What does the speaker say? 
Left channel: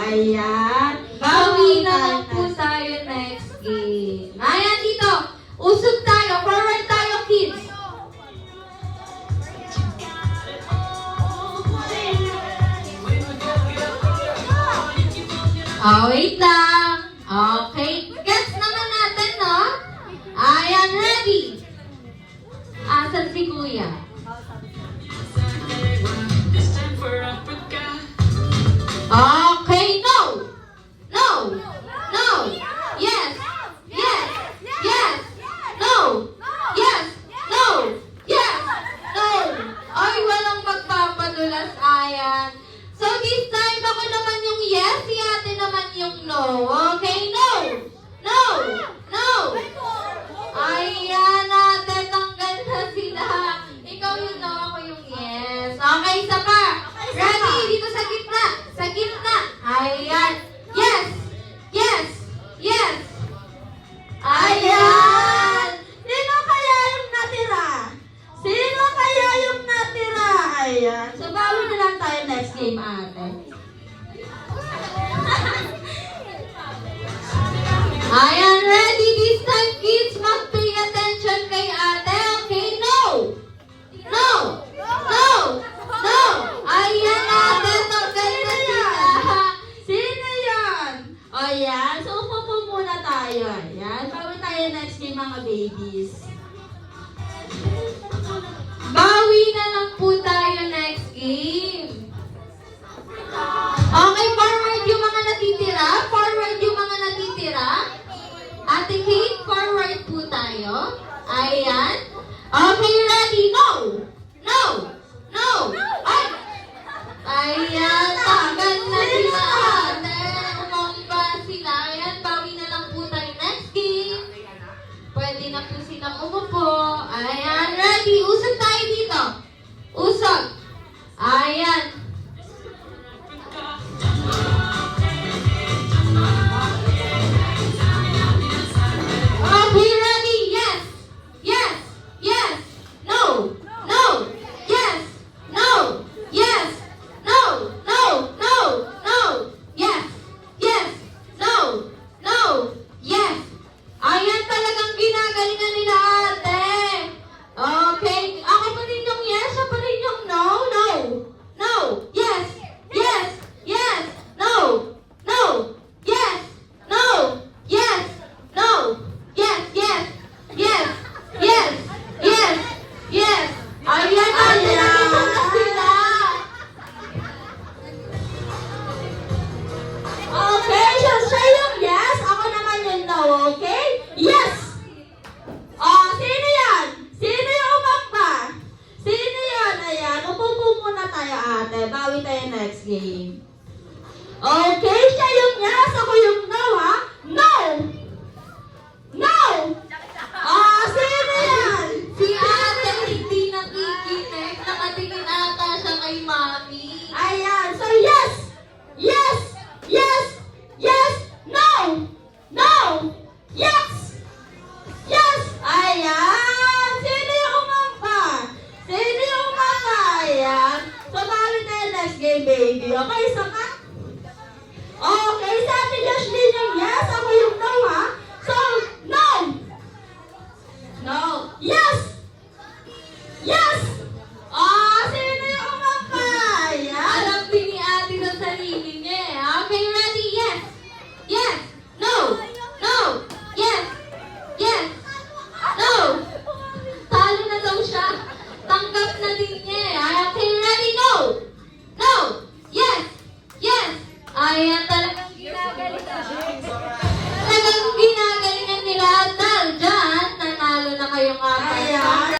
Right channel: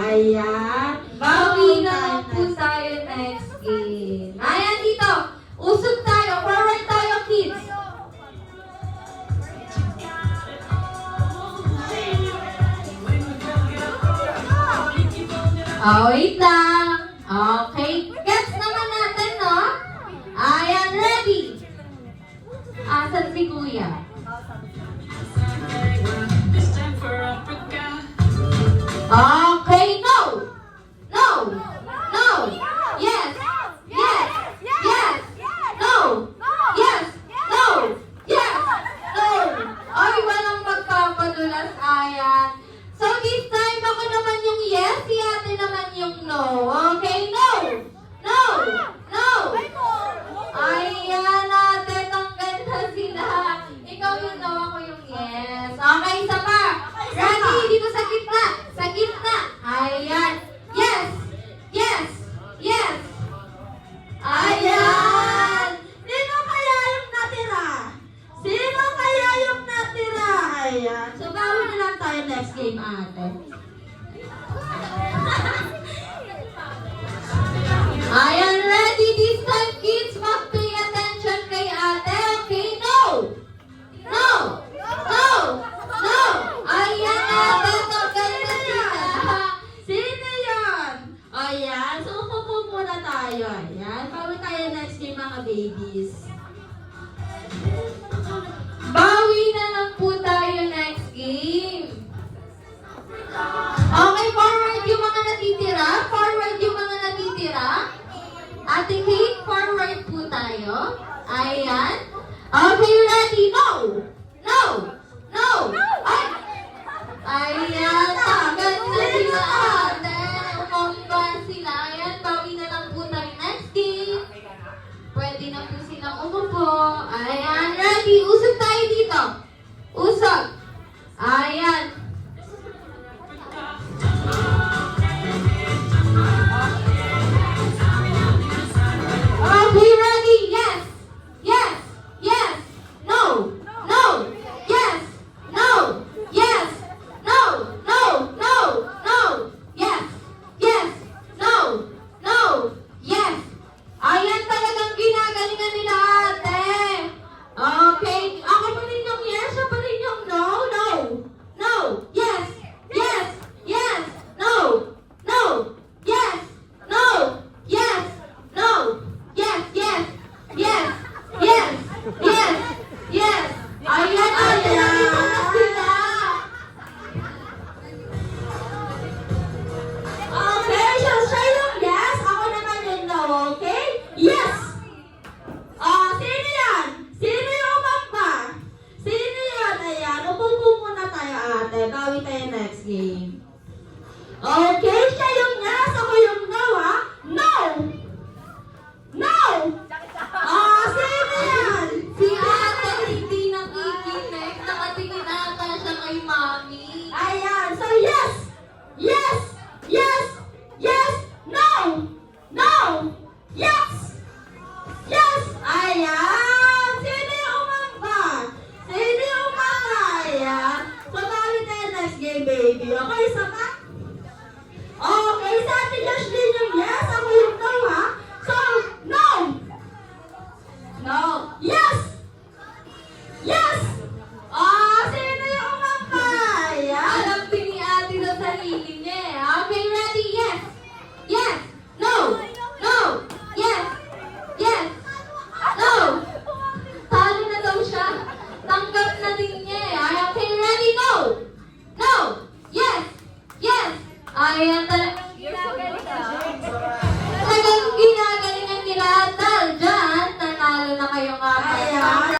Ayan. Bawi na lang po tayo next game. Ayan dito. Usog tayo. Forward tayo, kids. Wait lang. Okay. Guess naman natin, no? Ayan, ready. Asan si Kuya? Okay, no. No. No. Yes. Yes. Yes. No. Yes. No. Yes. No. Ay, walang magpapadulas, ayan. So this time, ako naman yung yes, si ate naman yung no. Okay, no. No. No. Ayan, ate, tanggal na sila. Ikaw yung no, ako yung yes. Okay, isa pa. Ready? Dito sa gitna. Sa gitna. Ayan. Yes. Yes. Yes. Ayan. Sino kaya yung natira? Sino kaya yung natira? Ayan. So, bawi na lang tayo next game, ate. Ayan, ready this time, kids. Mag-pay attention kay ate. Okay, no. No. No. No. Ayan, ate. Tanggal na sila. Sino yan? Ayan. So, upo muna tayo. Ayan. Bawi tayo next game, mga babies. Bawi na lang po tayo next game. Okay, forward yung mga natitira. Forward yung mga natitira. Ate Kate, forward po tayo. Ayan. Okay, ready? No. No. No. Ay. Ayan, tanggal na sila. Ate, umamba sila. Ayan, bawi na lang po tayo next game. Pwede na po silang umupo. Ayan, ready? Usog tayo dito. Usog. Ayan. Okay, ready? Yes. Yes. Yes. No. No. Yes. No. Yes. No. No. No. No. Yes. Yes. No. No. Yes. Ayan talagang ginagalingan nila, ate. Okay. Ako pa rin yung yes, siya pa rin yung no. No. No. Yes. Yes. Yes. No. No. Yes. No. Yes. No. Yes. Yes. Yes. Yes. Yes. Yes. Ayan, ayan na sila. Okay, so siya yung yes. Ako naman yung no, okay? Yes! Sino yan? Sino yung umamba? Sino yan? Ayan, upo muna tayo, ate. Bawi tayo next game. Okay, siya yung yes. Ako yung no, ha? No! No! Sino yan? Si ate hindi nakikinig. Nakatingin ata siya kay mami. Ayan, so yes! Yes! Yes! Yes! No! No! Yes! Yes! Ayan! Sino yung umamba? Sino yung umamba? Ayan. So, bawi tayo next game, baby. Okay, sama? Okay, sa atin Jocelyn yung yes. Ako yung